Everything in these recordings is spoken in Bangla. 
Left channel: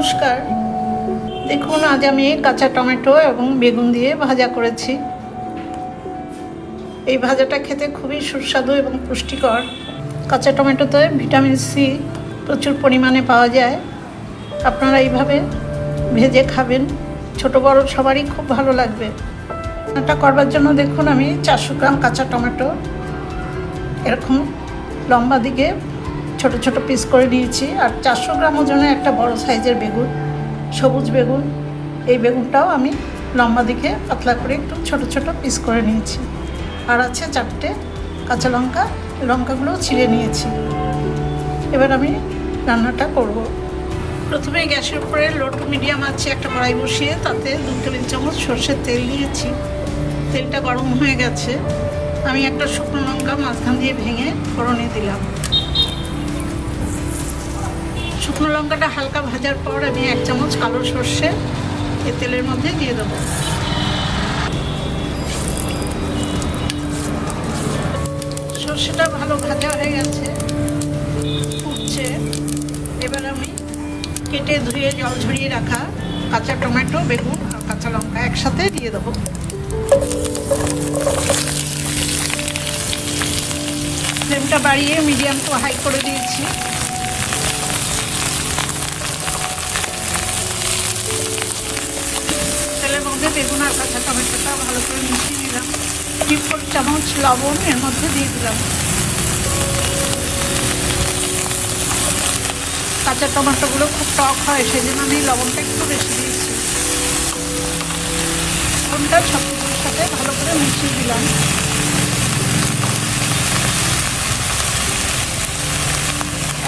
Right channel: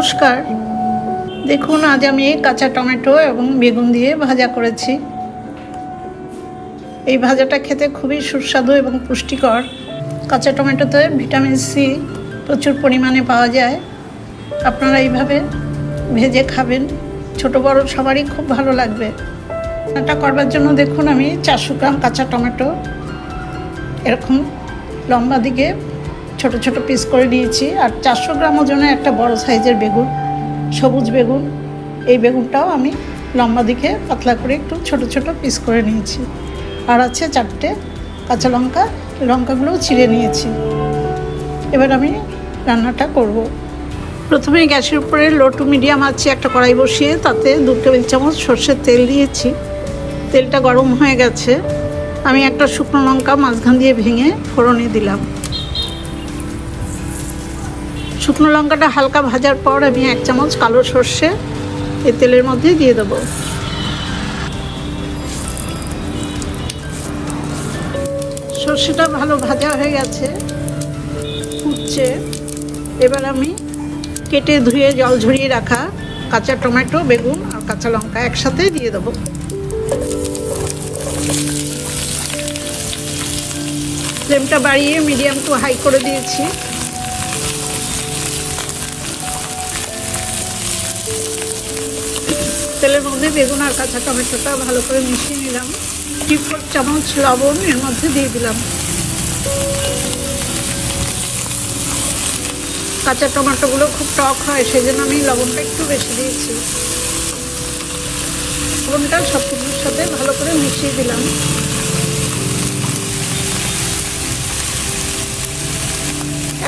নমস্কার। দেখুন আজ আমি কাঁচা টমেটো এবং বেগুন দিয়ে ভাজা করেছি। এই ভাজাটা খেতে খুবই সুস্বাদু এবং পুষ্টিকর। কাঁচা টমেটোতে ভিটামিন সি প্রচুর পরিমাণে পাওয়া যায়। আপনারা এইভাবে ভেজে খাবেন, ছোট বড় সবারই খুব ভালো লাগবে। এটা করবার জন্য দেখুন আমি 400 গ্রাম কাঁচা টমেটো এরকম লম্বা দিকে ছোট ছোট পিস করে নিয়েছি। আর 400 গ্রাম ওজনে একটা বড় সাইজের বেগুন, সবুজ বেগুন, এই বেগুনটাও আমি লম্বা দিকে পাতলা করে একটু ছোট ছোট পিস করে নিয়েছি। আর আছে 4টে কাঁচা লঙ্কা, লঙ্কাগুলোও ছিঁড়ে নিয়েছি। এবার আমি রান্নাটা করব। প্রথমে গ্যাসের উপরে লো টু মিডিয়াম আছে একটা কড়াই বসিয়ে তাতে 2 টেবিল চামচ সর্ষের তেল দিয়েছি। তেলটা গরম হয়ে গেছে। আমি একটা শুকনো লঙ্কা মাঝখান দিয়ে ভেঙে ফোড়নে দিলাম। শুকনো লঙ্কাটা হালকা ভাজার পর আমি 1 চামচ কালো সর্ষে এই তেলের মধ্যে দিয়ে দেবো। সর্ষেটা ভালো ভাজা হয়ে গেছে, ফুটছে। এবার আমি কেটে ধুয়ে জল ঝরিয়ে রাখা কাঁচা টমেটো, বেগুন আর কাঁচা লঙ্কা একসাথে দিয়ে দেবো। ফ্লেমটা বাড়িয়ে মিডিয়াম টু হাই করে দিয়েছি। তেলের মধ্যে বেগুন আর কাঁচা টমেটোটা ভালো করে মিশিয়ে নিলাম। 3/4 চামচ লবণ এর মধ্যে দিয়ে দিলাম। কাঁচা টমেটোগুলো খুব টক হয়, সেই জন্য আমি লবণটা একটু বেশি দিয়েছি। লবণটা সব কিছুর সাথে ভালো করে মিশিয়ে দিলাম।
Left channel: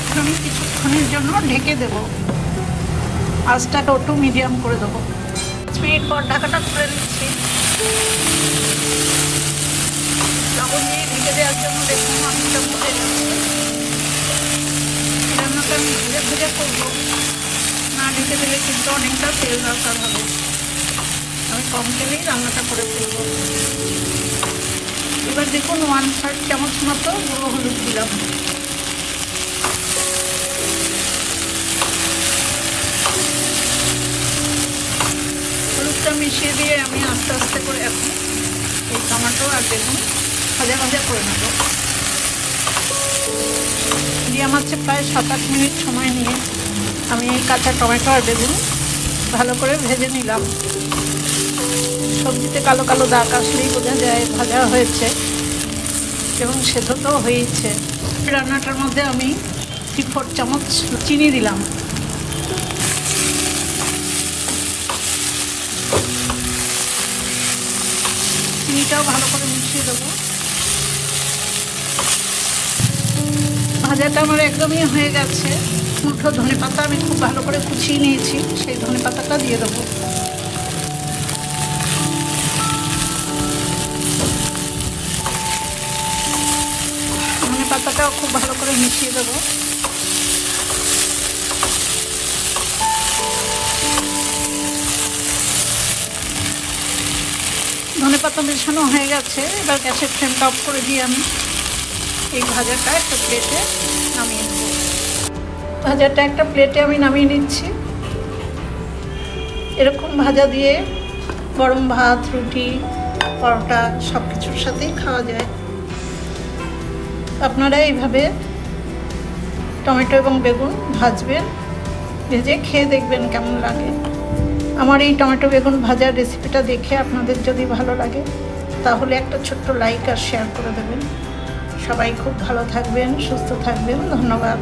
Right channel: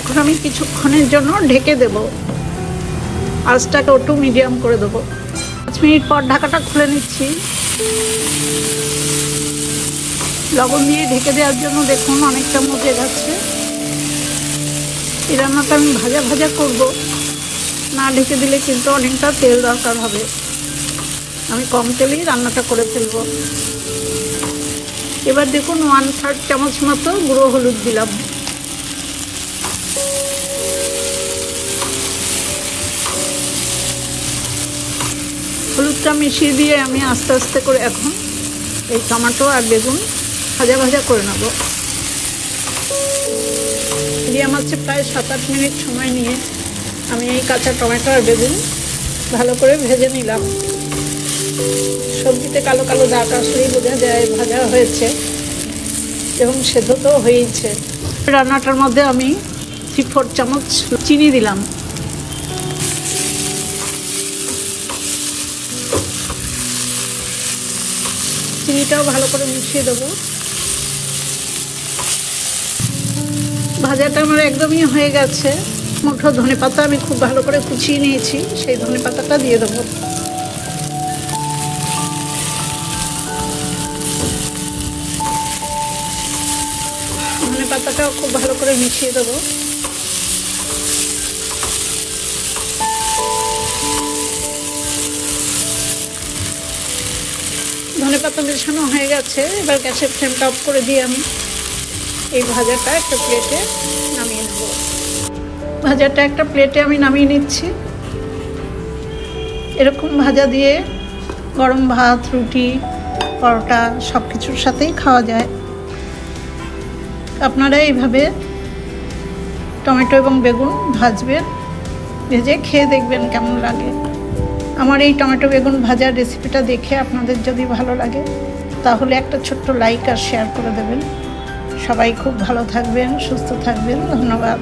এখন আমি কিছুক্ষণের জন্য ঢেকে দেব। আঁচটাকে একটু মিডিয়াম করে দেবো। 5 মিনিট পর ঢাকাটা খুলে নিচ্ছি। লবণ দিয়ে ঢেকে দেওয়ার জন্য দেখুন অনেকটা মুটে যাচ্ছে। এই রান্নাটা আমি ভাজা ভাজা করবো, না ঢেকে দিলে কিন্তু অনেকটা তেল দরকার হবে। আমি কম তেলেই রান্নাটা করে ফেলবো। এবার দেখুন 1/3 চামচ মতো গুঁড়ো হলুদ দিলাম। হলুদটা মিশিয়ে দিয়ে আমি আস্তে আস্তে করে এখন এই টমেটো আর বেগুন ভাজা ভাজা করে নেব। মিডিয়াম আছে প্রায় 7-8 মিনিট সময় নিয়ে আমি এই কাঁচা টমেটো আর বেগুন ভালো করে ভেজে নিলাম। সবজিতে কালো কালো দাগ আসলেই বোঝা যায় ভাজা হয়েছে এবং সেদ্ধ তো হয়েছে। রান্নাটার মধ্যে আমি 3/4 চামচ চিনি দিলাম। চিনিটাও ভালো করে মিশিয়ে দেবো। ভাজাটা আমার একদমই হয়ে গেছে। মুঠো ধনেপাতা আমি খুব ভালো করে কুচিয়ে নিয়েছি, সেই ধনেপাতাটা দিয়ে দেবো। ধনেপাতাটাও খুব ভালো করে মিশিয়ে দেবো। ধনেপাতা মেশানো হয়ে গেছে। এবার গ্যাসের ফ্লেমটা অফ করে দিয়ে আমি এই ভাজাটা একটা প্লেটে নামিয়ে নেব। ভাজাটা একটা প্লেটে আমি নামিয়ে নিচ্ছি। এরকম ভাজা দিয়ে গরম ভাত, রুটি, পরোটা সব কিছুর সাথেই খাওয়া যায়। আপনারা এইভাবে টমেটো এবং বেগুন ভাজবেন, ভেজে খেয়ে দেখবেন কেমন লাগে। আমার এই টমেটো বেগুন ভাজার রেসিপিটা দেখে আপনাদের যদি ভালো লাগে তাহলে একটা ছোট্ট লাইক আর শেয়ার করে দেবেন। সবাই খুব ভালো থাকবেন, সুস্থ থাকবেন। ধন্যবাদ।